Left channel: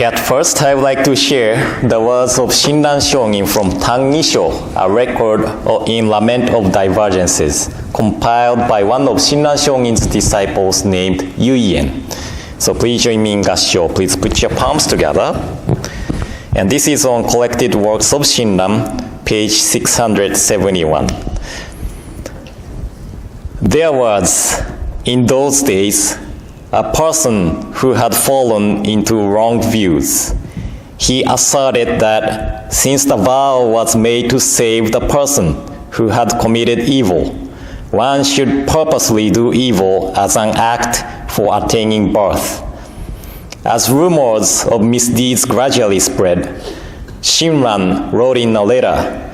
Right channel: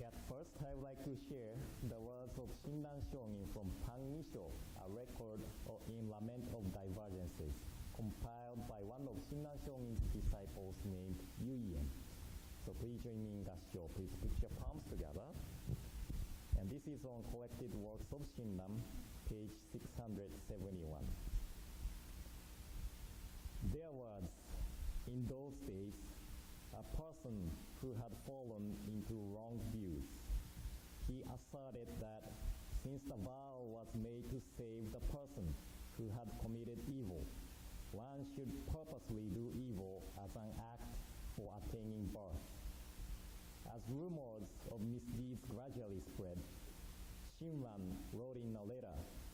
Okay, at first I would like to share the words of Shinran Shōnin from Tangisho, a record in Lament of Divergences, compiled by one of Shinran Shōnin's disciples named Yuki. So please join me in gassho. Please put your palms together. And this is on Collected Works of Shinran, page 671. There was, in those days, a person who had fallen into wrong views. He asserted that since the vow was made to save the person who had committed evil, one should purposely do evil as an act for attaining birth. As rumors of misdeeds gradually spread, Shinran wrote in a letter,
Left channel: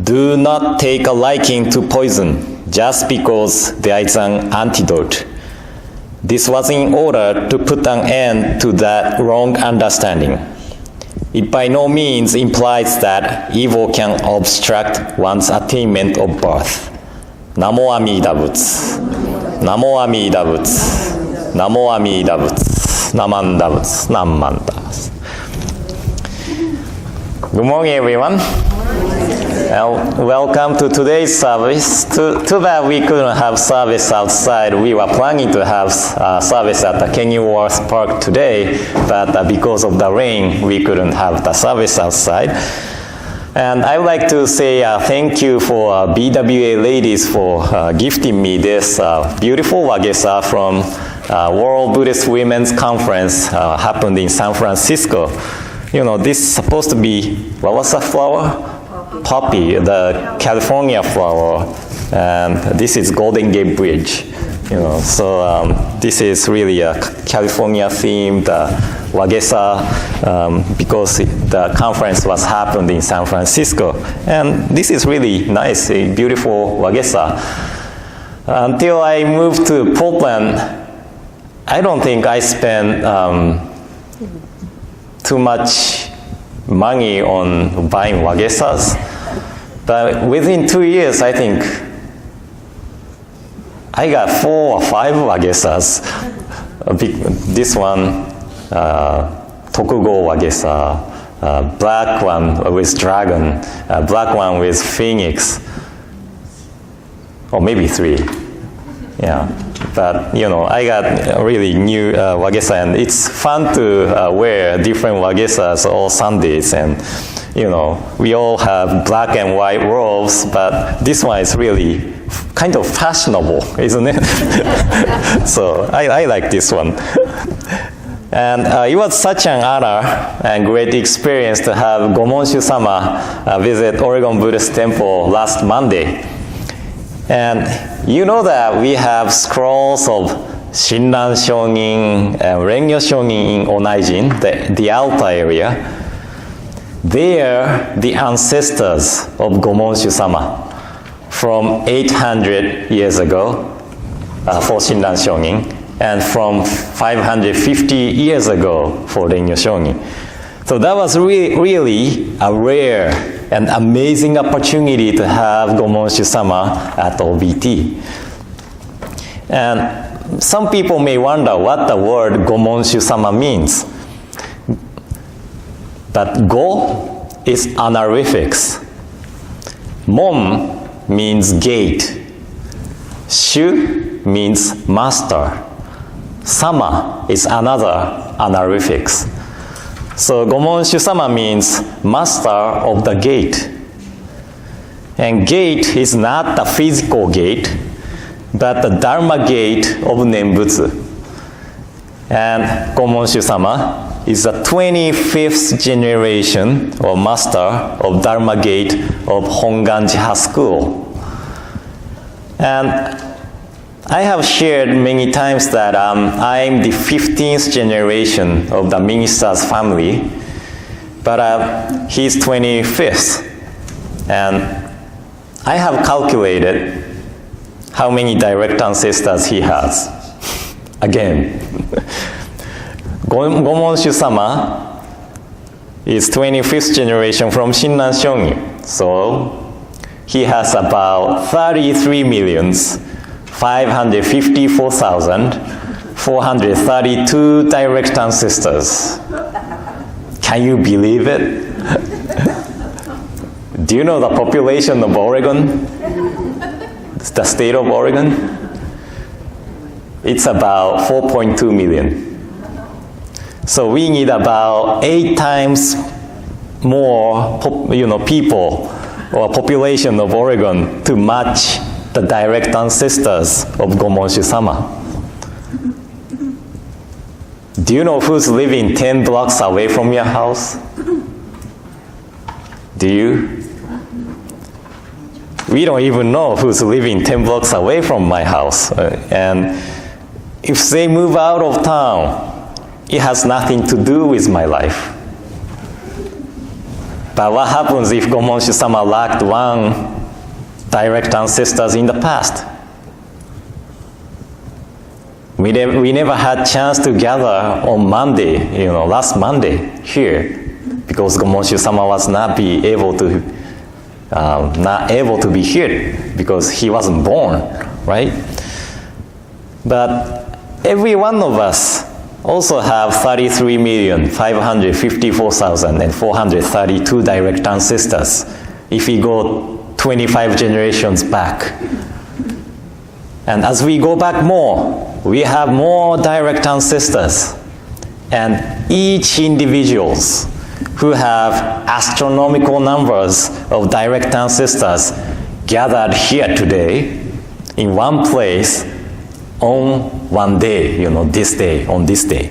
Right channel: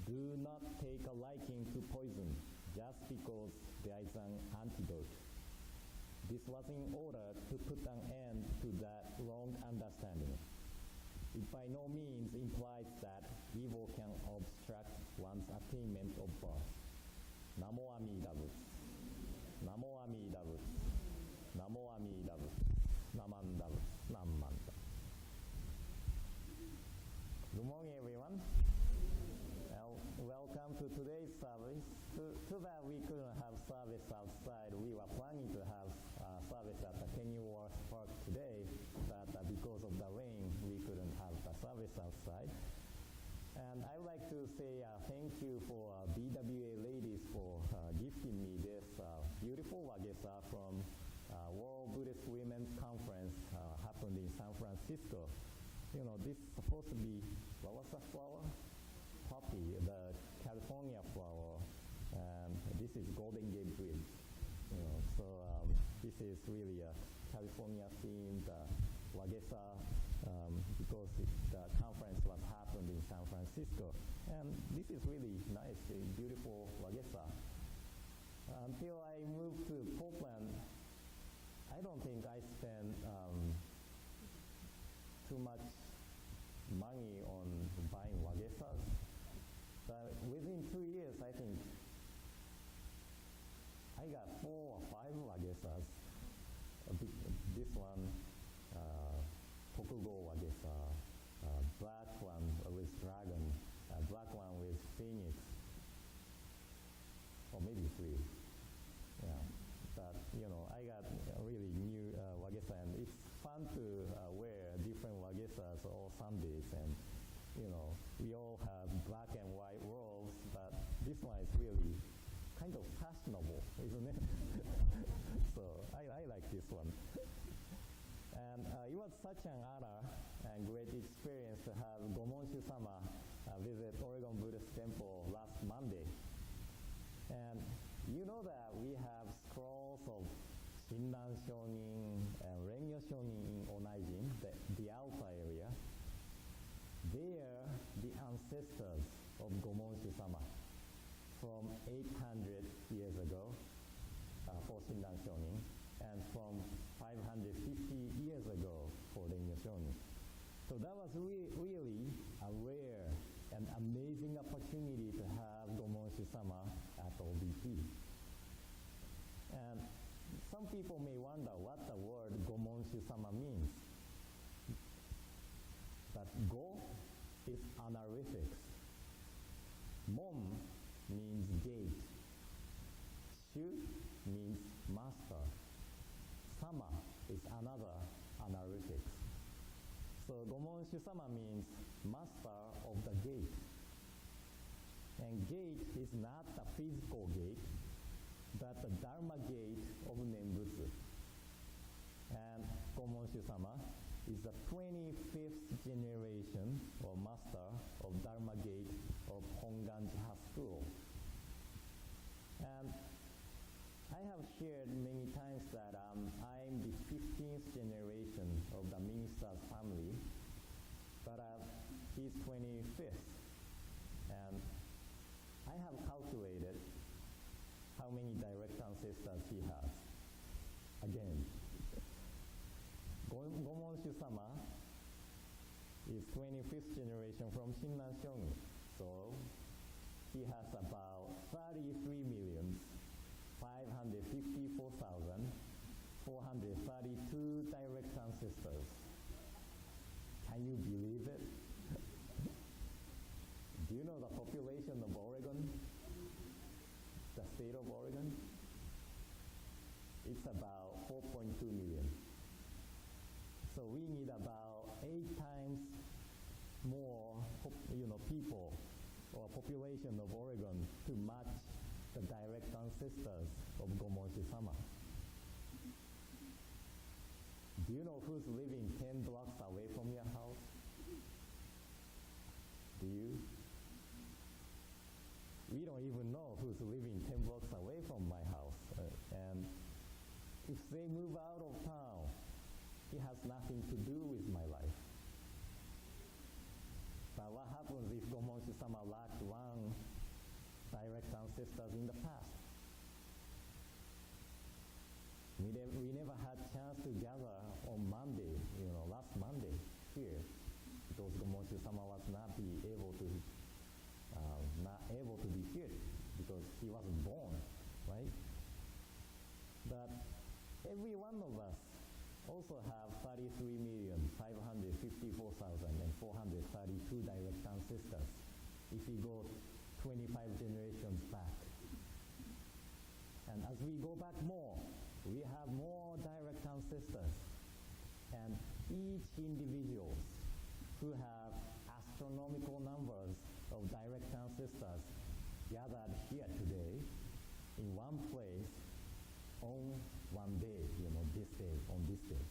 "Do not take a liking to poison just because there is an antidote." This was in order to put an end to that wrong understanding. It by no means implies that evil can obstruct one's attainment of birth. Namo Amida Butsu. Namo Amida Butsu. Namo Amida Butsu. Namanda Butsu. Namanda. Good morning, everyone. Welcome to today's service. Too bad we couldn't have service outside. We were planning to have service at the Kenilworth Park today, but because of the rain, we couldn't have the service outside. And I would like to say thank you for BWA ladies for gifting me this beautiful wagesa from World Buddhist Women's Conference happened in San Francisco. You know, this is supposed to be, what was the flower? Poppy, the California flower, and this is Golden Gate Bridge. You know, so this is really a California themed wagesa because the conference was happened in San Francisco, and this is really nice, a beautiful wagesa. Until I moved to Portland, I don't think I spent too much money on buying wagesas, but within 2 years, I think I got 4 or 5 wagesas. This one, Tokugo wagesa, black one with dragon, black one with phoenix, or maybe 3. Yeah, but you know, I got a really new wagesa, and it's fun to wear different wagesas all Sundays, and you know, we all have black and white robes, but this one is really kind of fashionable, isn't it? So I like this one. And it was such an honor and great experience to have Gomonshu-sama visit Oregon Buddhist Temple last Monday. And you know that we have scrolls of Shinran Shōnin and Rengyo Shōnin in Onaijin, the altar area. They are the ancestors of Gomonshu-sama from 800 years ago for Shinran Shōnin, and from 550 years ago for Rengyo Shōnin. So that was really a rare and amazing opportunity to have Gomonshu-sama at OBT. And some people may wonder what the word Gomonshu-sama means. But Go is honorifics. Mon means gate. Shu means master. Sama is another honorifics. So Gomonshu-sama means master of the gate. And gate is not the physical gate, but the Dharma gate of Nembutsu. And Gomonshu-sama is the 25th generation or master of Dharma gate of Hongwanji-ha school. And I have shared many times that I'm the 15th generation of the minister's family, but he's 25th. And I have calculated how many direct ancestors he has. Again, Gomonshu-sama is 25th generation from Shinran Shōnin. So he has about 33,554,432 direct ancestors. Can you believe it? Do you know the population of Oregon? The state of Oregon? It's about 4.2 million. So we need about 8 times more people or population of Oregon to match the direct ancestors of Gomonshu-sama. Do you know who's living 10 blocks away from your house? Do you? We don't even know who's living 10 blocks away from my house. And if they move out of town, it has nothing to do with my life. But what happens if Gomonshu-sama lacked one direct ancestors in the past? We never had chance to gather on Monday, last Monday here, because Gomonshu-sama was not able to be here because he wasn't born, right? But every one of us also have 33,554,432 direct ancestors if we go 25 generations back. And as we go back more, we have more direct ancestors. And each individuals who have astronomical numbers of direct ancestors gathered here today in one place on one day, this day, on this day.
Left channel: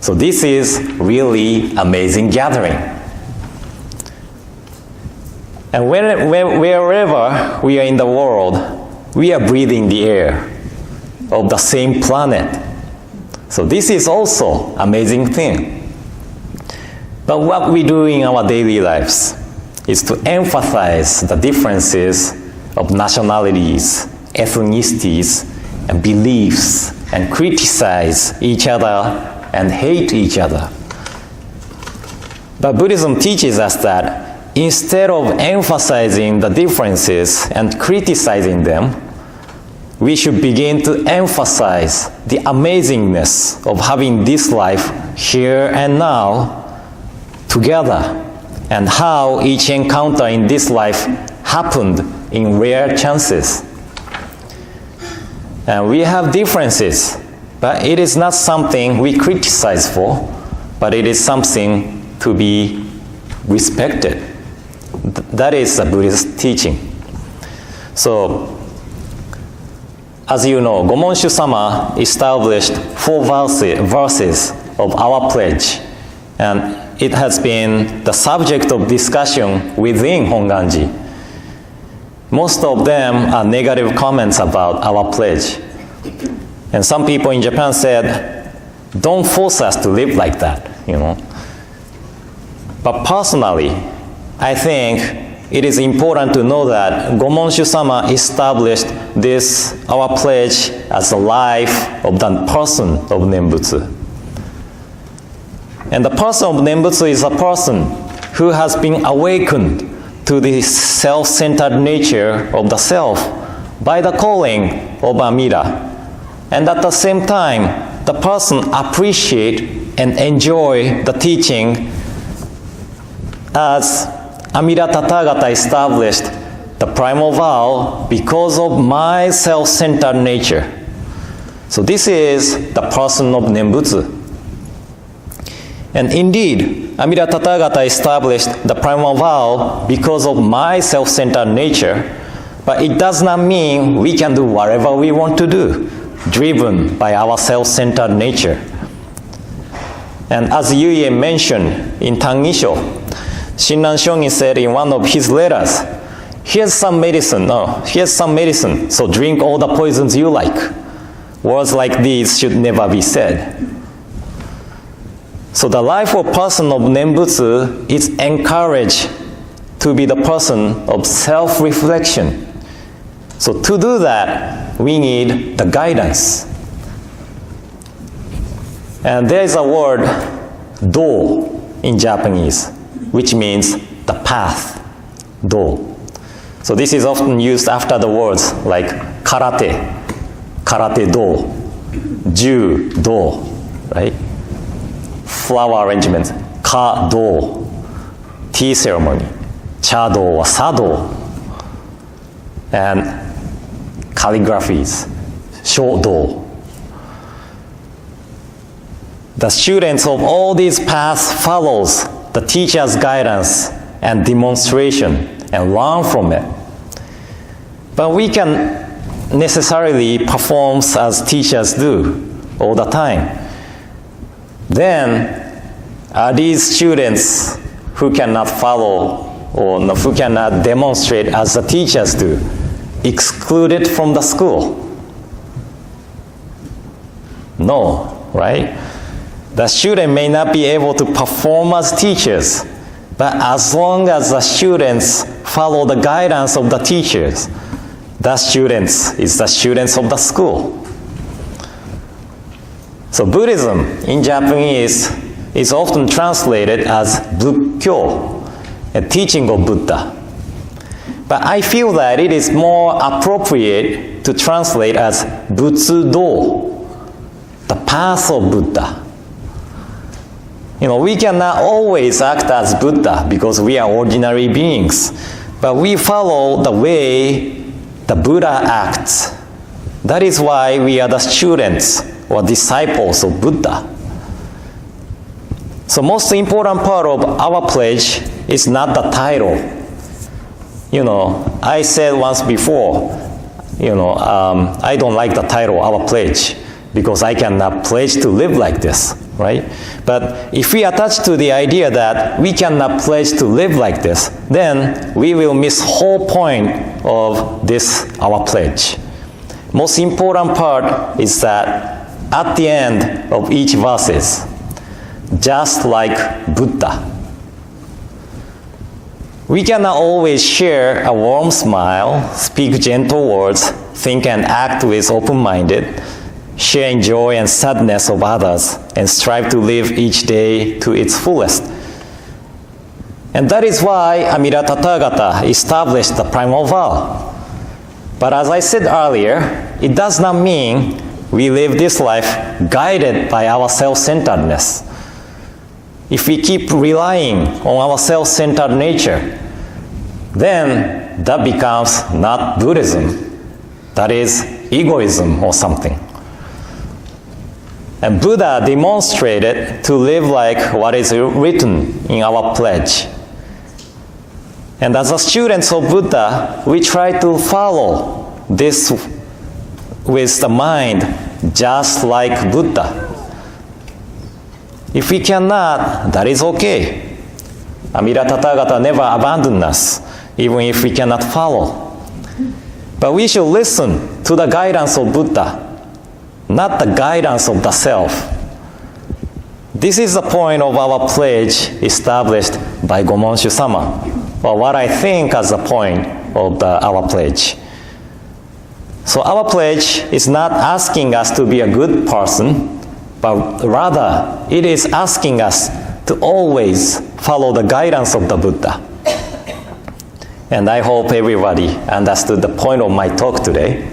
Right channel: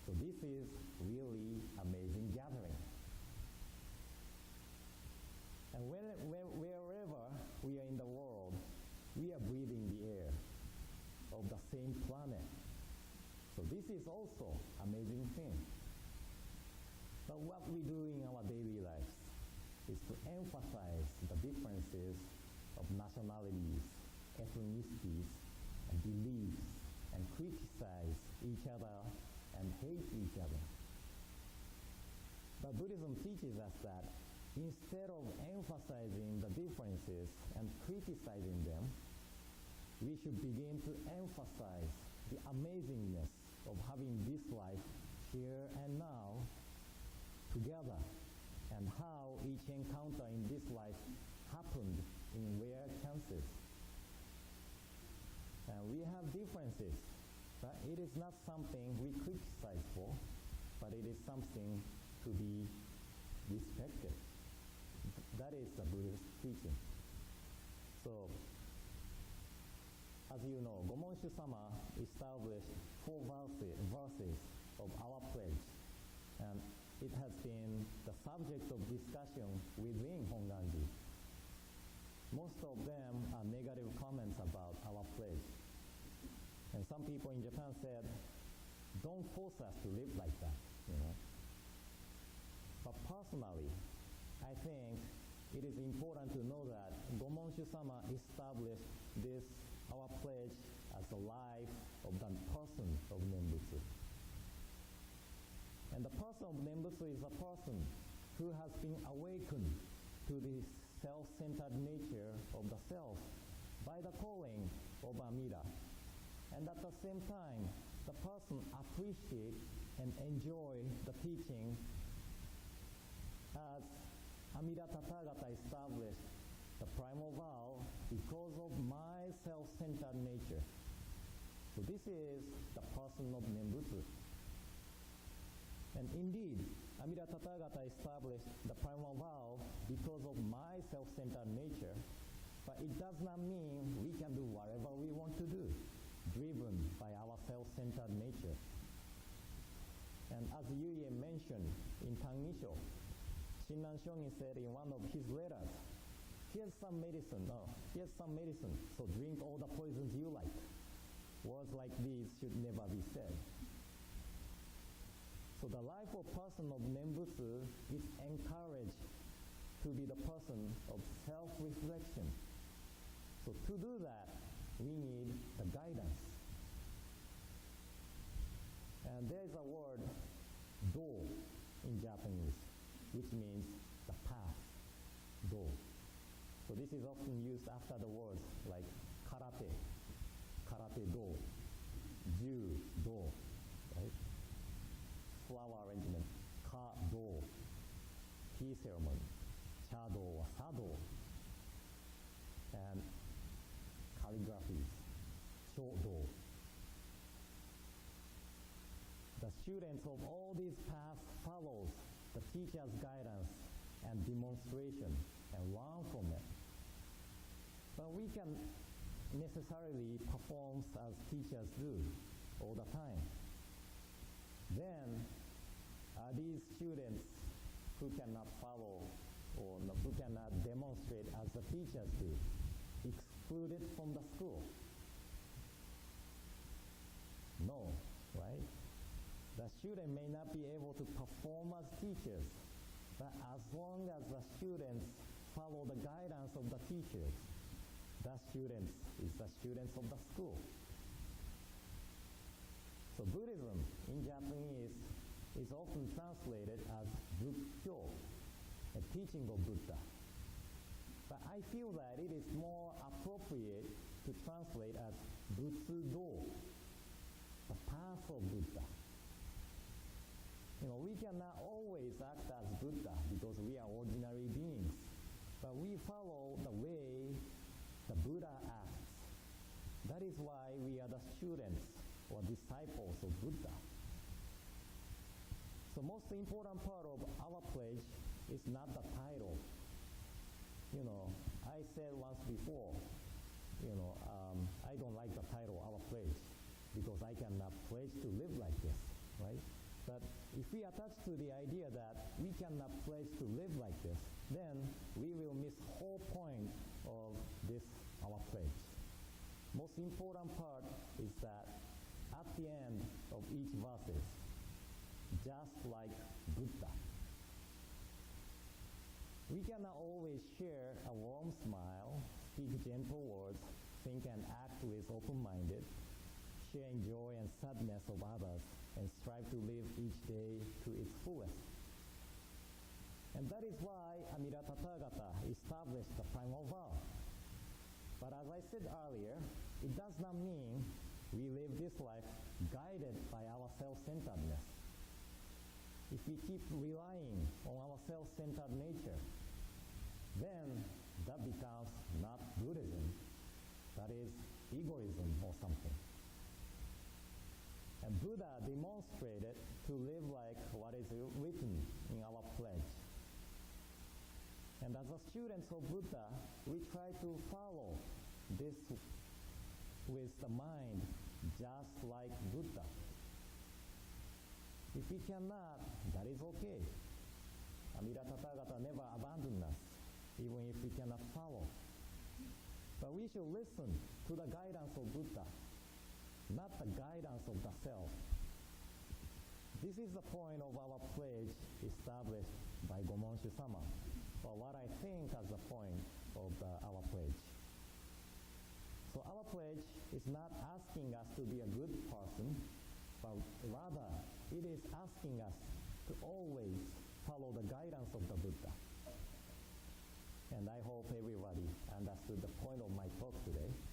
So this is really amazing gathering. And wherever we are in the world, we are breathing the air of the same planet. So this is also amazing thing. But what we do in our daily lives is to emphasize the differences of nationalities, ethnicities, and beliefs, and criticize each other and hate each other. But Buddhism teaches us that instead of emphasizing the differences and criticizing them, we should begin to emphasize the amazingness of having this life here and now together, and how each encounter in this life happened in rare chances. And we have differences, but it is not something we criticize for, but it is something to be respected. That is a Buddhist teaching. So, as you know, Gomonshu-sama established 4 verses of our pledge, and it has been the subject of discussion within Hongwanji. Most of them are negative comments about our pledge. And some people in Japan said, don't force us to live like that, But personally, I think it is important to know that Gomonshu-sama established this, our pledge, as the life of the person of Nembutsu. And the person of Nembutsu is a person who has been awakened to the self-centered nature of the self by the calling of Amida. And at the same time, the person appreciates and enjoys the teaching as Amida Tathagata established the primal vow because of my self-centered nature. So this is the person of Nembutsu. And indeed, Amida Tathagata established the primal vow because of my self-centered nature, but it does not mean we can do whatever we want to do, driven by our self-centered nature. And as Yuki mentioned in Tangisho, Shinran Shongin said in one of his letters, here's some medicine, so drink all the poisons you like. Words like these should never be said. So the life of person of Nembutsu is encouraged to be the person of self-reflection. So to do that, we need the guidance. And there is a word, do, in Japanese, which means the path, do. So this is often used after the words like karate, karate do, ju do, right? Flower arrangement, Ka-do, tea ceremony. Cha-do or sa-do. And calligraphies, Jodo. The students of all these paths follows the teacher's guidance and demonstration and learn from it. But we can necessarily perform as teachers do all the time. Then are these students who cannot follow or who cannot demonstrate as the teachers do excluded from the school? No, right? The student may not be able to perform as teachers, but as long as the students follow the guidance of the teachers, the students is the students of the school. So Buddhism in Japanese is often translated as Bukkyo, a teaching of Buddha. But I feel that it is more appropriate to translate as Butsudo, the path of Buddha. We cannot always act as Buddha because we are ordinary beings, but we follow the way the Buddha acts. That is why we are the students or disciples of Buddha. So most important part of our pledge is not the title. I said once before, I don't like the title, our pledge, because I cannot pledge to live like this, right? But if we attach to the idea that we cannot pledge to live like this, then we will miss whole point of this, our pledge. Most important part is that at the end of each verses, just like Buddha, we cannot always share a warm smile, speak gentle words, think and act with open-minded, sharing joy and sadness of others, and strive to live each day to its fullest. And that is why Amida Tathagata established the primal vow. But as I said earlier, it does not mean we live this life guided by our self-centeredness. If we keep relying on our self-centered nature, then that becomes not Buddhism. That is egoism or something. And Buddha demonstrated to live like what is written in our pledge. And as a students of Buddha, we try to follow this with the mind just like Buddha. If we cannot, that is okay. Amida Tathagata never abandoned us, even if we cannot follow. But we should listen to the guidance of Buddha, not the guidance of the self. This is the point of our pledge established by Gomonshu-sama, or what I think as the point of our pledge. So our pledge is not asking us to be a good person, but rather it is asking us to always follow the guidance of the Buddha. And I hope everybody understood the point of my talk today.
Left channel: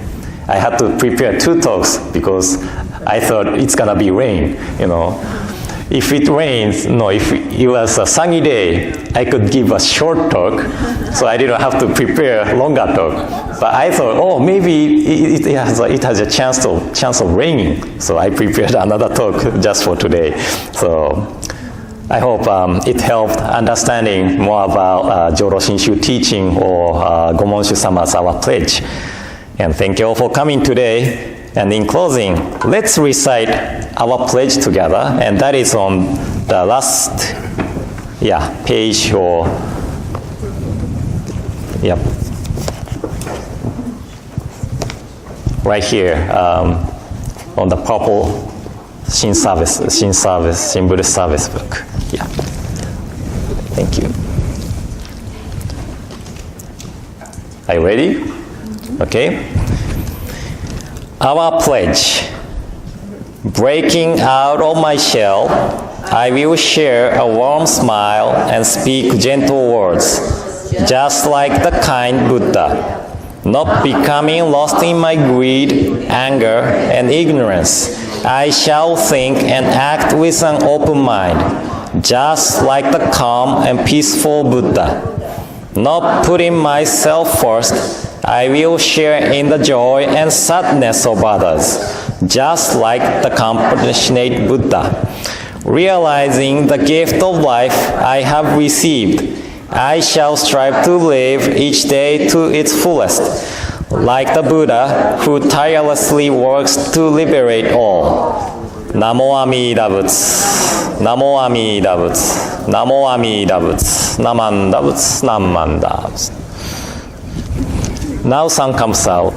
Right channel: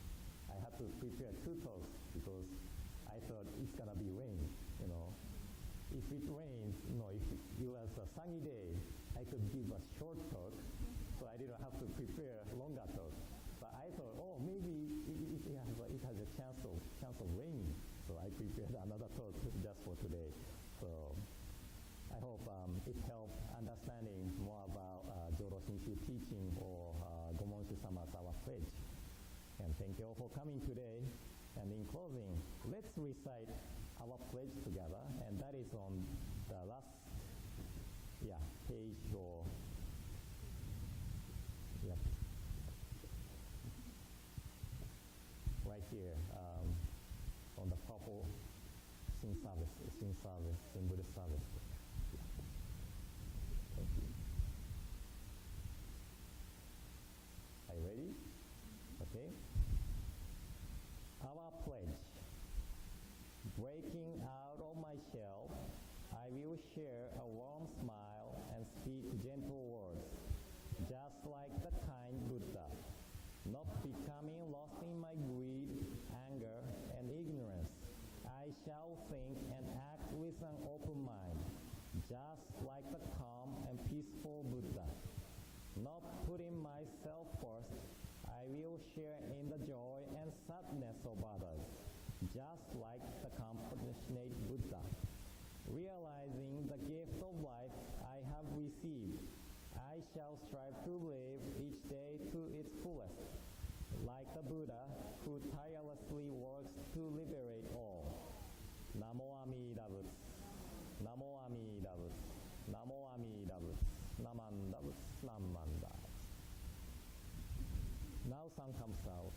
I had to prepare 2 talks because I thought it's gonna be rain, If it rains, if it was a sunny day, I could give a short talk, so I didn't have to prepare a longer talk. But I thought, maybe it has a chance of raining, so I prepared another talk just for today. So I hope it helped understanding more about Jodo Shinshu teaching or Gomonshu-sama's our pledge. And thank you all for coming today. And in closing, let's recite our pledge together, and that is on the last page or right here on the purple Shin Buddhist service book. Yeah. Thank you. Are you ready? Okay. Our pledge. Breaking out of my shell, I will share a warm smile and speak gentle words, just like the kind Buddha, not becoming lost in my greed, anger, and ignorance. I shall think and act with an open mind, just like the calm and peaceful Buddha. Not putting myself first, I will share in the joy and sadness of others, just like the compassionate Buddha. Realizing the gift of life I have received, I shall strive to live each day to its fullest, like the Buddha who tirelessly works to liberate all. Namo Amida Butsu, Namo Amida Butsu, Namo Amida Butsu, Namanda Butsu, Namanda Butsu. Now sun comes out.